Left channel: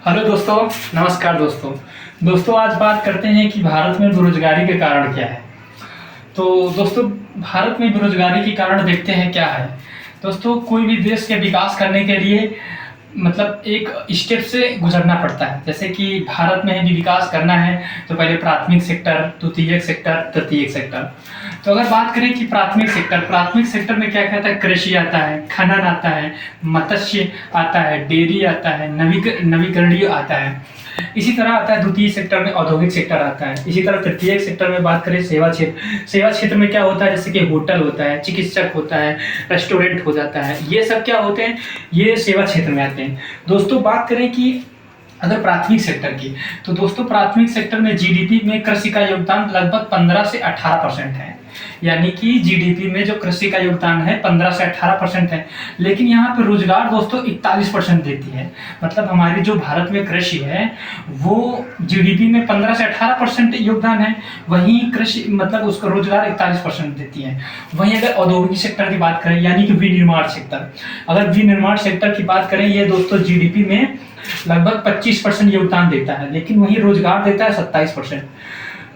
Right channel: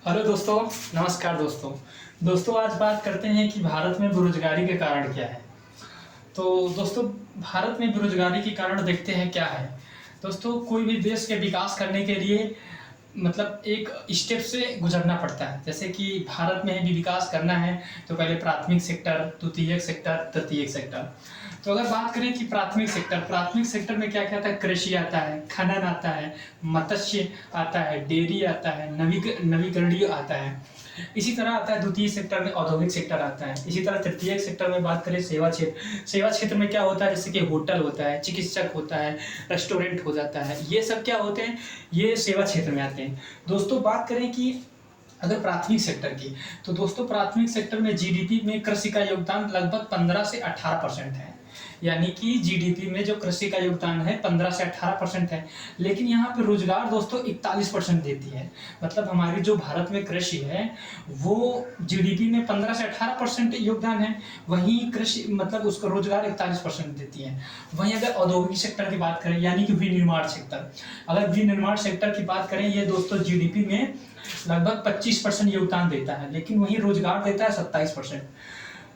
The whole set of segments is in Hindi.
हेलो दोस्तों, नमस्कार दोस्तों आज बात करते हैं कि भारत में बेरोजगारी के कारण क्या है। तो दोस्तों, भारत में बेरोजगारी के कारण देखते हैं क्या है। दोस्तों, कोई भी देश के विकास करने के लिए मतलब एक स्टेप से गुजरना पड़ता है। जैसे कि भारत में यदि विकास करना है तो पहले प्राथमिक सेक्टर, द्वितीयक सेक्टर, तृतीयक सेक्टर। तो अगर बात करें कि प्राथमिक सेक्टर में क्या क्या आता है, कृषि आता है, खनन आता है, मत्स्य आता है, डेयरी आता है, नवीकरणीय आता है। इसी तरह आता है द्वितीय सेक्टर में औद्योगिक सेक्टर आता है। इसी तरह तृतीय सेक्टर में बात करें सेवा क्षेत्र में क्या होता है, जैसे कि होटल होता है, चिकित्सक होता है, रेस्टोरेंट हो जाता है। ये सब क्या होते हैं, ये सेवा क्षेत्र में आते हैं। दोस्तों, बात करें कि अगर प्राथमिक सेक्टर की, तो दोस्तों प्राथमिक सेक्टर में जीडीपी में कृषि का योगदान लगभग 15 से 18% है। यानी कि जीडीपी में जो कृषि का योगदान है 15 से 18% है। लेकिन यहाँ पे रोजगार दोस्तों 41% देती है। मतलब हमारी जो भारत में कृषि है वो जीडीपी में 15 से 18% योगदान है, वहीं कृषि मतलब उसका रोजगार 41% देती है। वहीं अगर औद्योगिक सेक्टर की बात करें, यानी कि विनिर्माण सेक्टर, अगर विनिर्माण सेक्टर की बात करें, ये दोस्तों जीडीपी में लगभग 25% योगदान देता है, लेकिन वहीं रोजगार देता है 27%।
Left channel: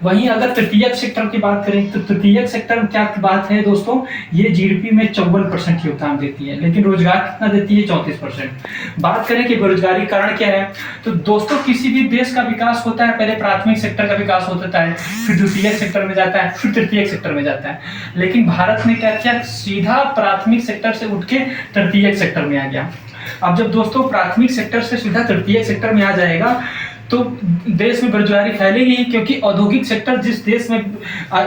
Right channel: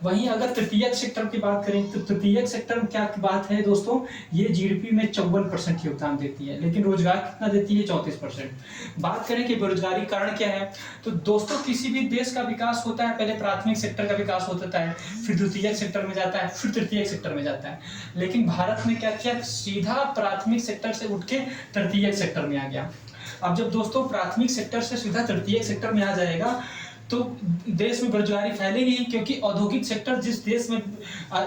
वहीं अगर तृतीयक सेक्टर की बात करें तो तृतीयक सेक्टर में क्या बात है दोस्तों, ये जीडीपी में 54% योगदान देती है, लेकिन रोजगार कितना देती है, 34%। बात करें कि बेरोजगारी कारण क्या है, तो दोस्तों किसी भी देश का विकास होता है पहले प्राथमिक सेक्टर का विकास होता है, फिर द्वितीयक सेक्टर में जाता है, फिर तृतीयक सेक्टर में जाता है। लेकिन भारत ने क्या किया, सीधा प्राथमिक सेक्टर से उठ के तृतीयक सेक्टर में आ गया। अब जब दोस्तों प्राथमिक सेक्टर से सीधा तृतीय सेक्टर में आ जाएगा तो देश में बेरोजगारी फैलेगी, क्योंकि औद्योगिक सेक्टर जिस देश में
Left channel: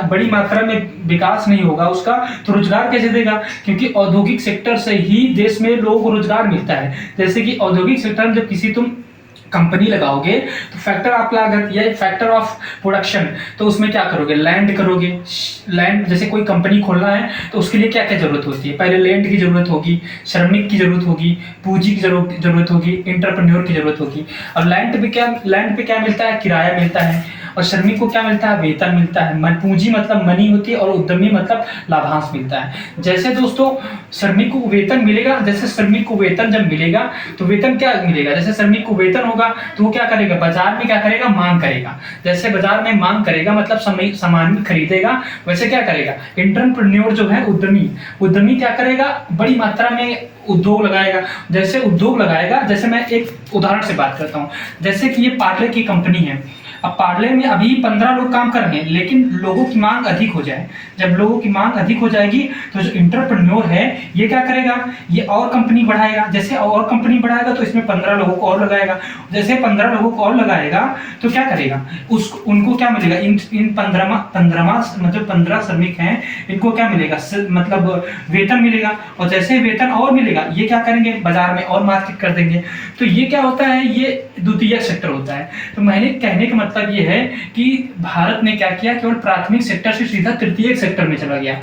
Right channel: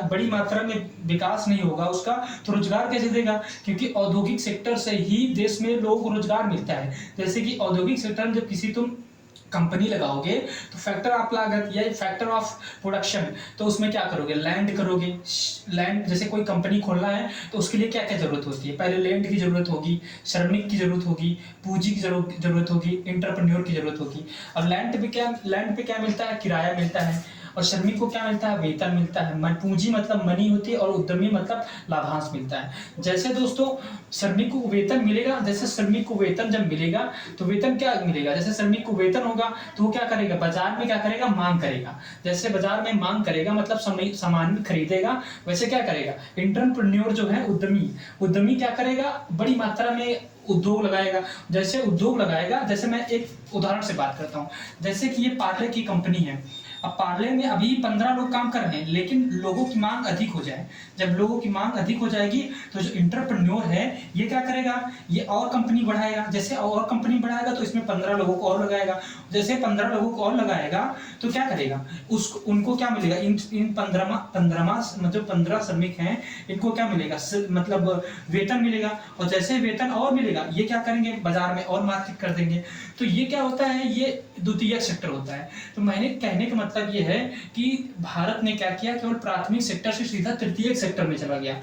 बड़ी मात्रा में विकास नहीं होगा उसका, तो रोजगार कैसे देगा, क्योंकि औद्योगिक सेक्टर से ही देश में लोगों को रोजगार मिलता है। जैसे कि औद्योगिक सेक्टर में जब किसी तुम कंपनी लगाओगे तो फैक्टर ऑफ लागत या फैक्टर ऑफ प्रोडक्शन, तो उसमें क्या करोगे, लैंड करोगे। लैंड जैसे कोई कंपनी खोलना है तो उसके लिए क्या क्या जरूरत होती है, पहले लैंड की जरूरत होगी, श्रमिक की जरूरत होगी, पूंजी की जरूरत होगी, इंटरप्रेन्योर की जरूरत होगी। और लैंड पे क्या मिलता है, किराया मिलता है। और श्रमिक को क्या मिलता है, वेतन मिलता है। पूंजी मतलब मनी होती है, और उद्यमी मतलब लाभांश मिलता है। जैसे दोस्तों श्रमिक को वेतन मिलेगा, जैसे श्रमिक को वेतन जब मिलेगा तो वेतन क्या मिलेगा, जैसे श्रमिक को वेतन होगा तो वो क्या करेगा, बाजार में क्या करेगा, मांग करेगा। जैसे बाजार में मांग करेगा मतलब सामान खरीदेगा, वैसे क्या करेगा, एंटरप्रेन्योर जो है उद्यमी क्या करेगा, बड़ी मात्रा में उद्योग लगाएगा। जैसे उद्योग लगाएगा, जैसे मैं एक उदाहरण से बात करता हूँ, जैसे कि ये पार्ले की कंपनी है। अब पार्ले में अभी 15 लोग काम कर रहे हैं, लेकिन लोगों की मांग अधिक हो जाए, जब लोगों की मांग अधिक हो जाएगी तो जो इंटरप्रेन्योर है ये क्या करेगा, ये और कंपनी बढ़ाएगा। जैसे और कंपनी बढ़ाएगा तो इसमें 15 लोगों को और लगाएगा। जैसे 15 लोगों को और लगाएगा तो क्या करेगा, उनको क्या मिलेगा, इन 15 मतलब 15 श्रमिक हैं, इनको क्या मिलेगा, मतलब वेतन मिलेगा। और जैसे वेतन और मिलेगा ये क्या करेंगे, बाजार में और मार्केट कर देंगे। तो ये क्या होता है, ये द्वितीयक सेक्टर होता है। तो मैंने कहने का मतलब ये है कि भारत ने क्या किया, केवल प्राथमिक सेक्टर से सीधा तृतीयक सेक्टर में चला गया।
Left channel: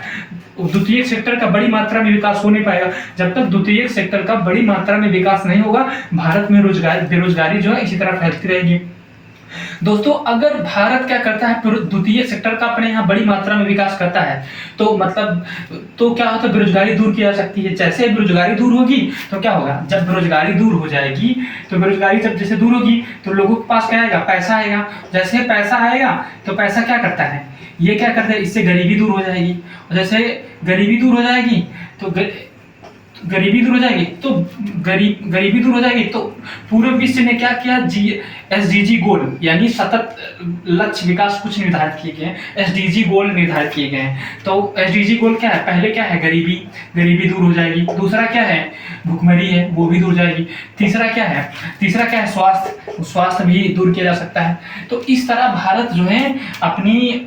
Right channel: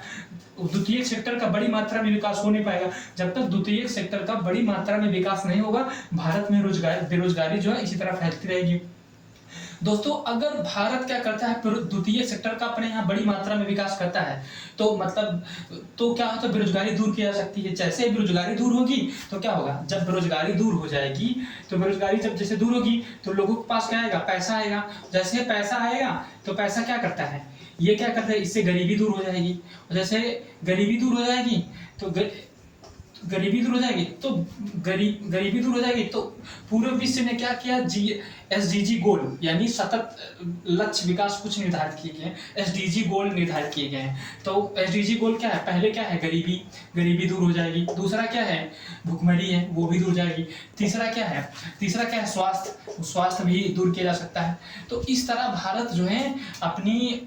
द्वितीयक सेक्टर का बड़ी मात्रा में विकास हो नहीं पाएगा। जब तक द्वितीयक सेक्टर का बड़ी मात्रा में विकास नहीं होगा, भारत में बेरोजगारी जो है इसी तरह फैलती रहेगी। दोस्तों, अगर भारत क्या करता है, द्वितीय सेक्टर का अपने यहाँ बड़ी मात्रा में विकास करता है तो मतलब तो क्या होता है, बेरोजगारी दूर की जा सकती है। जैसे बेरोजगारी दूर होगी तो क्या होगा, जब बेरोजगारी दूर हो जाएगी तो बेरोजगारी जब जैसे दूर होगी तो लोगों के पास क्या आएगा, पैसा आएगा। जैसे पैसा आएगा तो पैसा क्या करता है, ये क्या करता है, इससे गरीबी दूर हो जाएगी। और जैसे गरीबी दूर हो जाएगी तो गरीबी दूर हो जाएगी तो पूरे विश्व ने क्या किया, एसडीजी गोल यानी सतत लक्ष्य विकास कुछ निर्धारित किए गए हैं, एसडीजी गोल निर्धारित किए गए हैं। तो एसडीजी गोल क्या है, पहले क्या है, गरीबी दूर हो जाएगी। दूसरा क्या है, भुखमरी है, वो भी दूर हो जाएगी। तीसरा क्या है, स्वास्थ्य भी दूर किया जा सकता है। तो इस तरह भारत जो है अपनी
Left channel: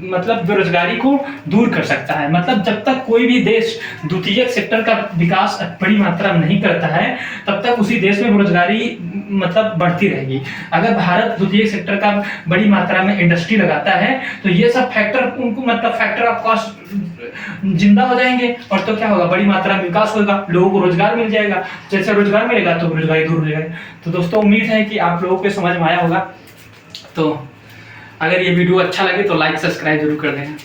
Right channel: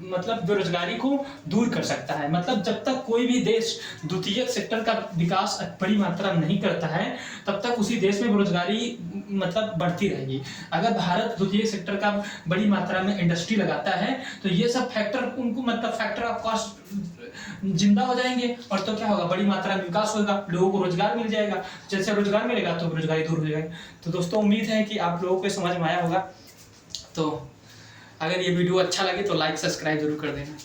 मतलब बेरोजगारी को दूर कर सकता है। मतलब जब तक कोई भी देश द्वितीयक सेक्टर का विकास बड़ी मात्रा में नहीं करता है तब तक उसी देश में बेरोजगारी मतलब बढ़ती रहेगी। अगर भारत द्वितीय सेक्टर का बड़ी मात्रा में इंडस्ट्री लगाता है तो ये सब फैक्टर उनको मतलब फैक्टर ऑफ कॉस्ट जिंदा हो जाएंगे, और तो क्या होगा, बड़ी मात्रा में विकास होगा, लोगों को रोजगार मिल जाएगा। जैसे रोजगार मिलेगा तो बेरोजगारी दूर हो जाएगी। तो दोस्तों, उम्मीद है कि आप लोगों को समझ में आया होगा। तो अगर ये वीडियो अच्छा लगे तो लाइक सब्सक्राइब जरूर कर देना।